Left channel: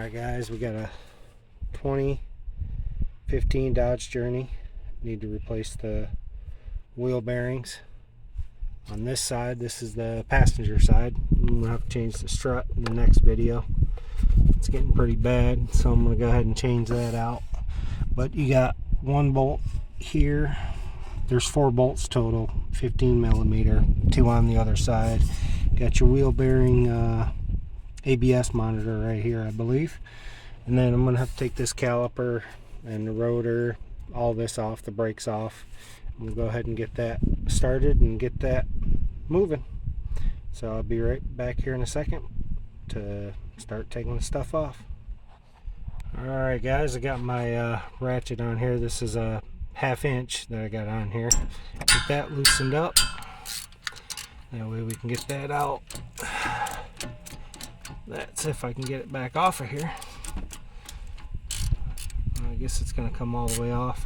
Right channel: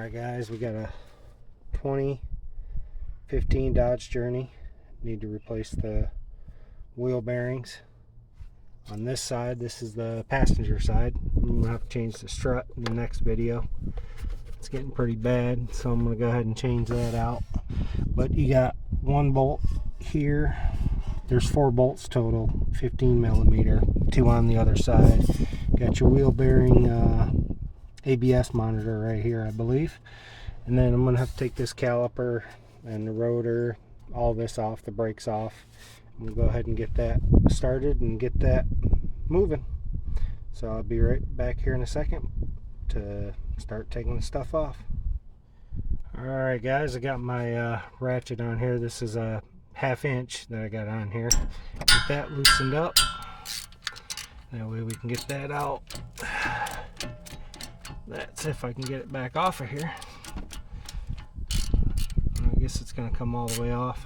Alright guys, we got a 2015 Dodge Journey. Need to replace the wheel bearings. On this side, this is the passenger side. We'll have to change the strut in the next video. It's getting pretty bad, so I'm going to go ahead and change that out. But you got one bolt here. There's 4 bolts total, 15 millimeter, 2 on the other side. Got your wheel bearing ABS monitor right here, I believe. And then I'm going to have to take this caliper and the rotor, all this off, the brakes off. We'll go ahead and get that started and get that moving. So I'll be right back here in a second to start taking the stuff off. Alright guys, I got my ratchet on here. This is a 1/2 inch that I got on here. Get that loosened up. That way we can get that out. That's if I can get it back off of here. I guess it's going to come all the way off.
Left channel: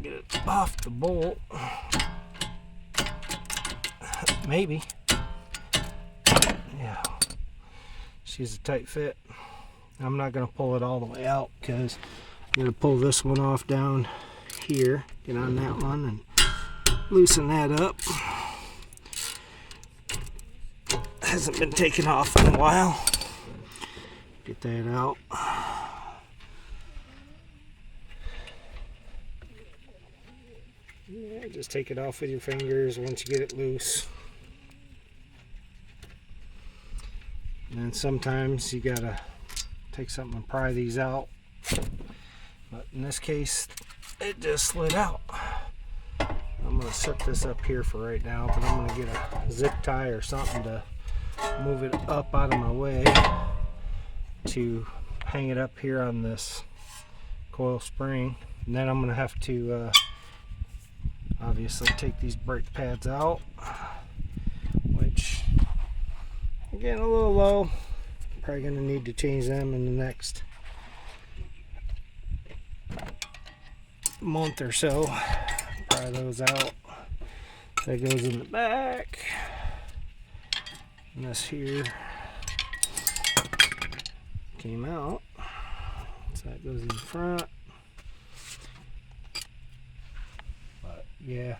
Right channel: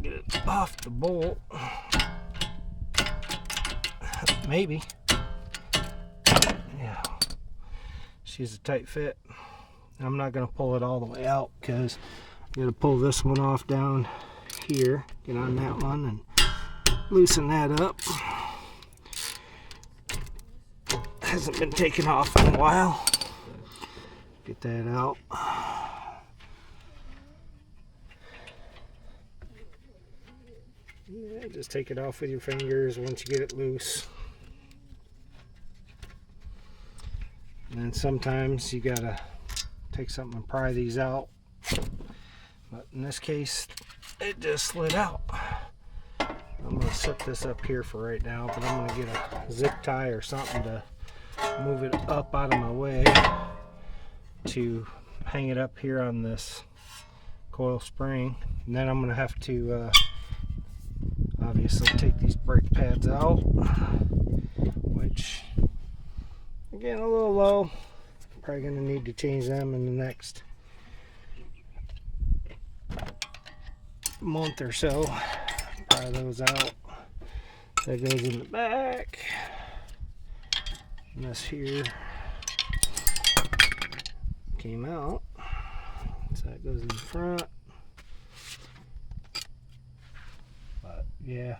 Get it off the bolt. Maybe. Yeah. She's a tight fit. I'm not going to pull it all the way out because I'm going to pull this one off down here. Get on that one and loosen that up. Hasn't been taken off in a while. Get that out. Yeah, just take it off with your fingers once you get it loose. And then sometimes you gotta take something and pry these out. But in this case, it just slid out. I'm going to set this up here for right now, but I'm going to get a zip tie or something to move it up out of my way to hang it up here on this coil spring. And then I'm going to have to obviously take these brake pads out, which are getting a little low. Probably going to need to change them in the next month or so. Pry those out. That goes in the back. And this here came out. So that goes in the front. But yeah,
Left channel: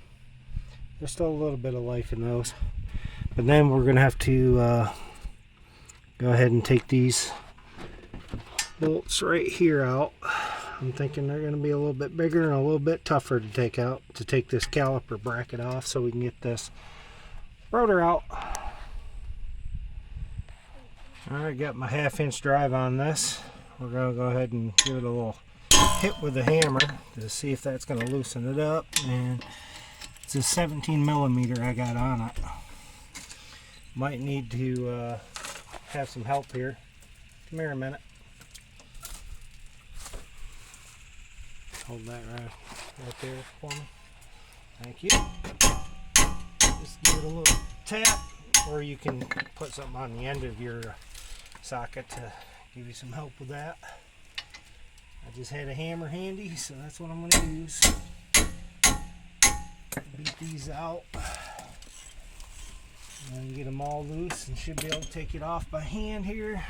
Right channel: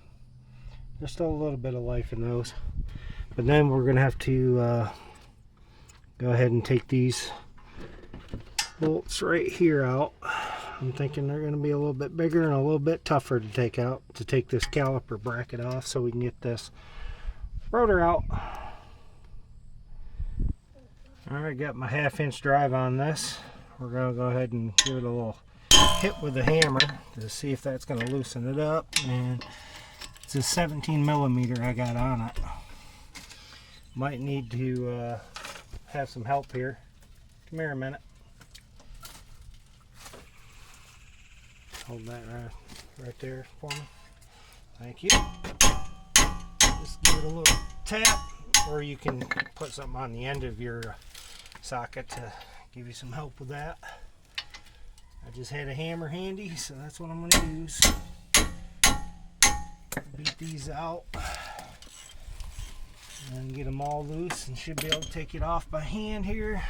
there's still a little bit of life in those. But then we're going to have to go ahead and take these bolts right here out. I'm thinking they're going to be a little bit bigger and a little bit tougher to take out, to take this caliper bracket off so we can get this rotor out. Alright, got my 1/2 inch drive on this. We're going to go ahead and give it a little hit with the hammer to see if that's going to loosen it up. And it's a 17 millimeter I got on it. Might need to have some help here. Come here a minute. Hold that right there for me. Thank you. Just give it a little tap, or you can put something on the end of your socket to give you some help with that. I just had a hammer handy, so that's what I'm going to use. Beat these out and get them all loose, and should be able to take it off by hand here.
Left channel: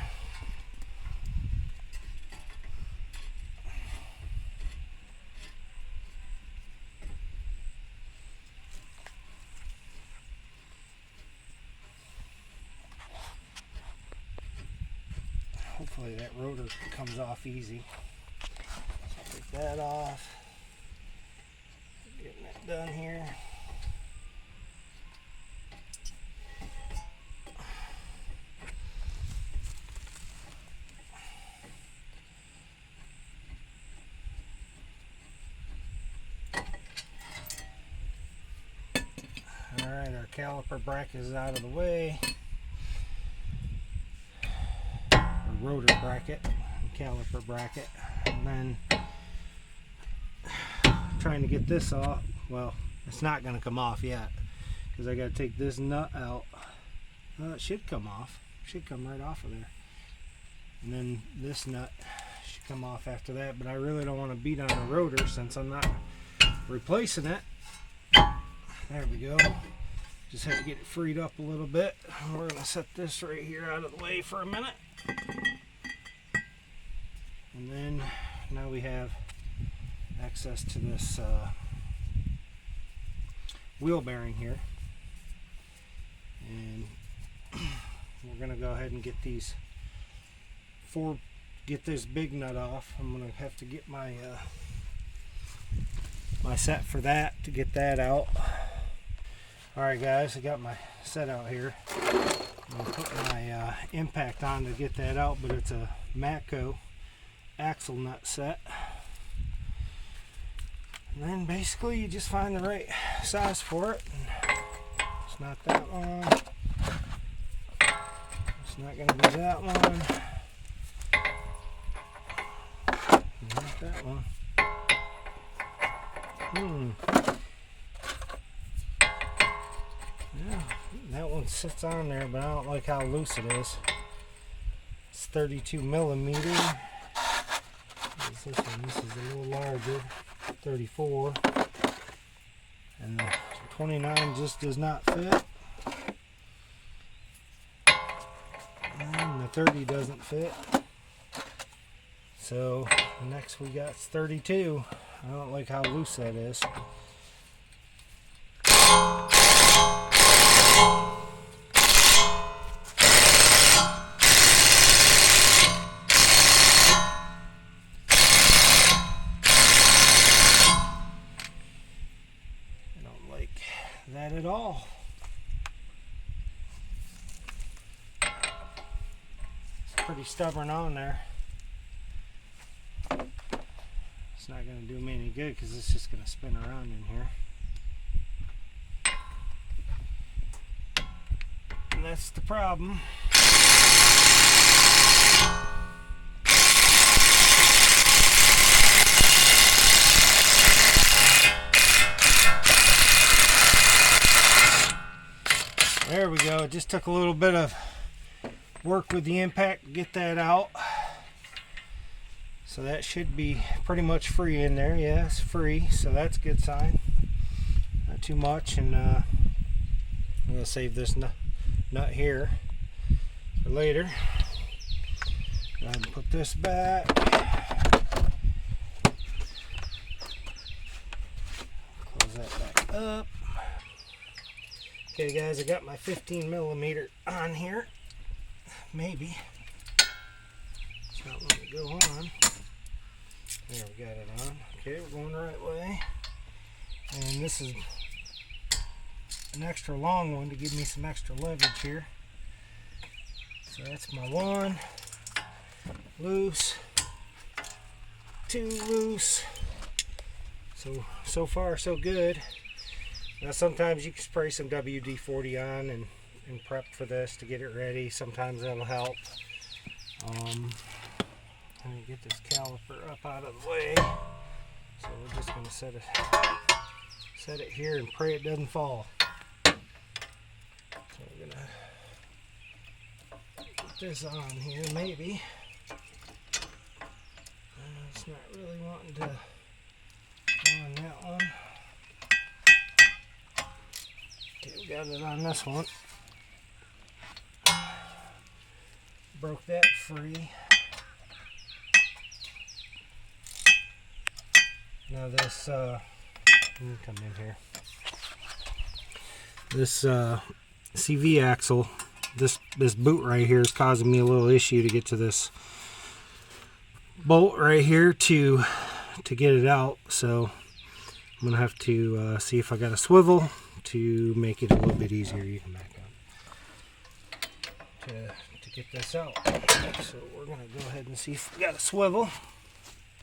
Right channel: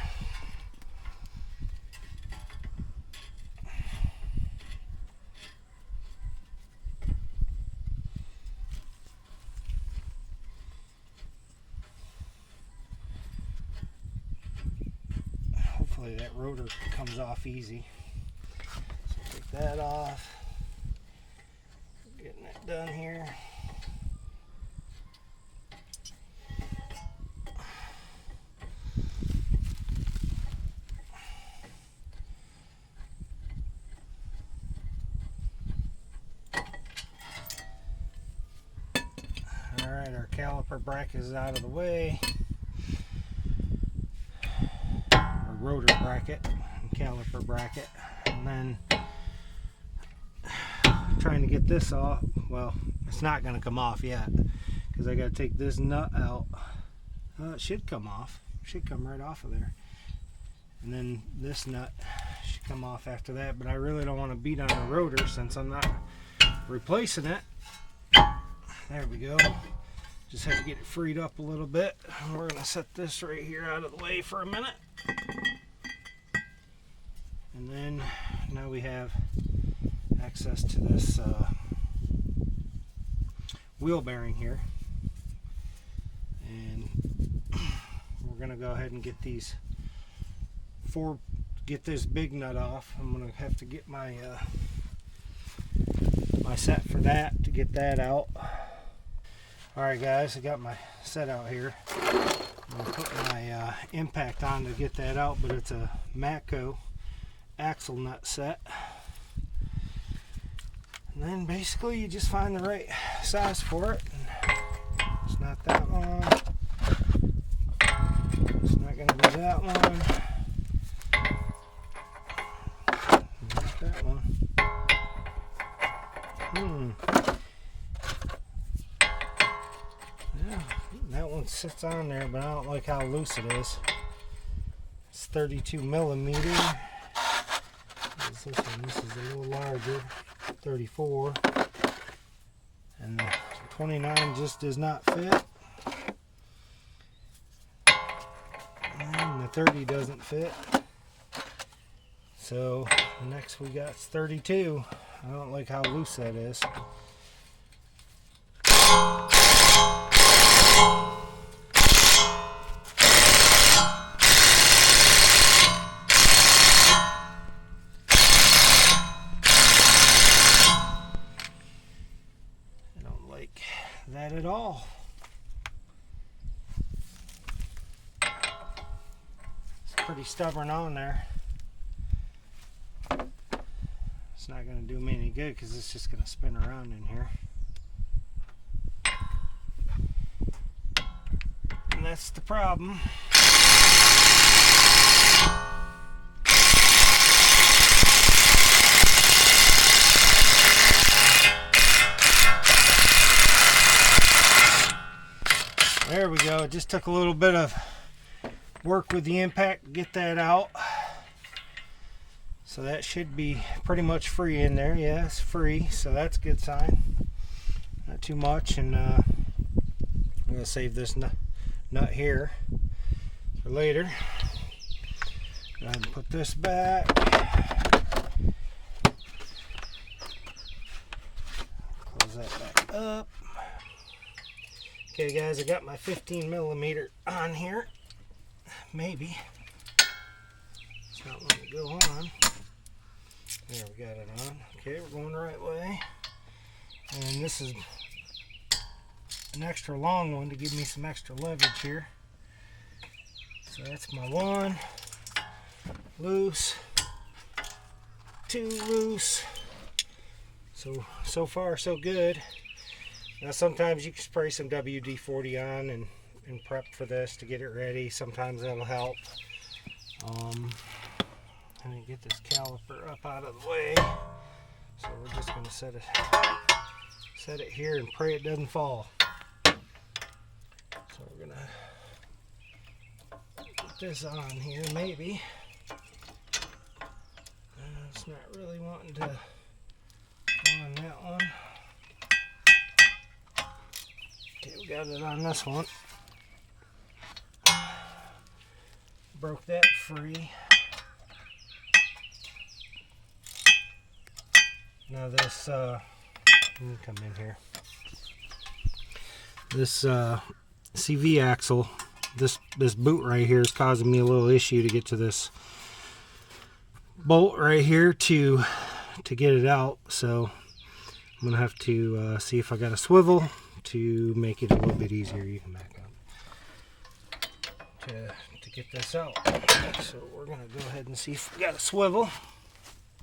Hopefully that rotor comes off easy. So take that off. Getting that done here. Alright, our caliper bracket is out of the way. Rotor bracket and caliper bracket, and then trying to get this off. Well, it's not going to come off yet because I got to take this nut out. It should come off. Should come right off of there, and then this nut should come off after that. But I really don't want to beat on the rotor since I'm not replacing it. There we go. Just had to get it freed up a little bit. We're going to set this right here out of the way for a minute. And then now we have access to this wheel bearing here. And we're going to go ahead and get these get this big nut off. I'm going to have to get my my set for that to get that out. Alright guys, I got my set out here. I'm going to put my impact on to get that out, but it's a Matco axle nut set. And then basically you just find the right size for it. It's not that one. It's not going to be that one. Not that one. Yeah, that one sits on there, but I don't like how loose it is. It's 32 millimeter. This one? This is a little larger, 34. And the 29 just does not fit. And the 30 doesn't fit. So next we got 32. I don't like how loose that is. I don't like that at all. It's pretty stubborn on there. It's not going to do me any good because it's just going to spin around in here. And that's the problem. There we go. It just took a little bit of work with the impact to get that out. So that should be pretty much free in there. Yeah, it's free, so that's a good sign. Not too much, and I'm going to save this nut here for later. Go ahead and put this back. Close that back up. Okay guys, I got my 15 millimeter on here. Maybe. It's not letting it go on. There, we got it on. Okay, we're going the right way. And this is an extra long one to give me some extra leverage here. So that's my 1 loose, 2 loose. So far so good. Now sometimes you can spray some WD-40 on and prep for this to get it ready. Sometimes that'll help. Let me get this caliper up out of the way. So we're just going to set it here and pray it doesn't fall. So we're going to put this on here maybe. It's not really wanting to go on that one. Okay, we got it on this one. Broke that free. Now this, let me come in here. This CV axle, this boot right here is causing me a little issue to get to this bolt right here to get it out. So I'm gonna have to see if I got a swivel to make it a little bit easier. You can back up to get this out. So we're gonna go ahead and see if we got a swivel.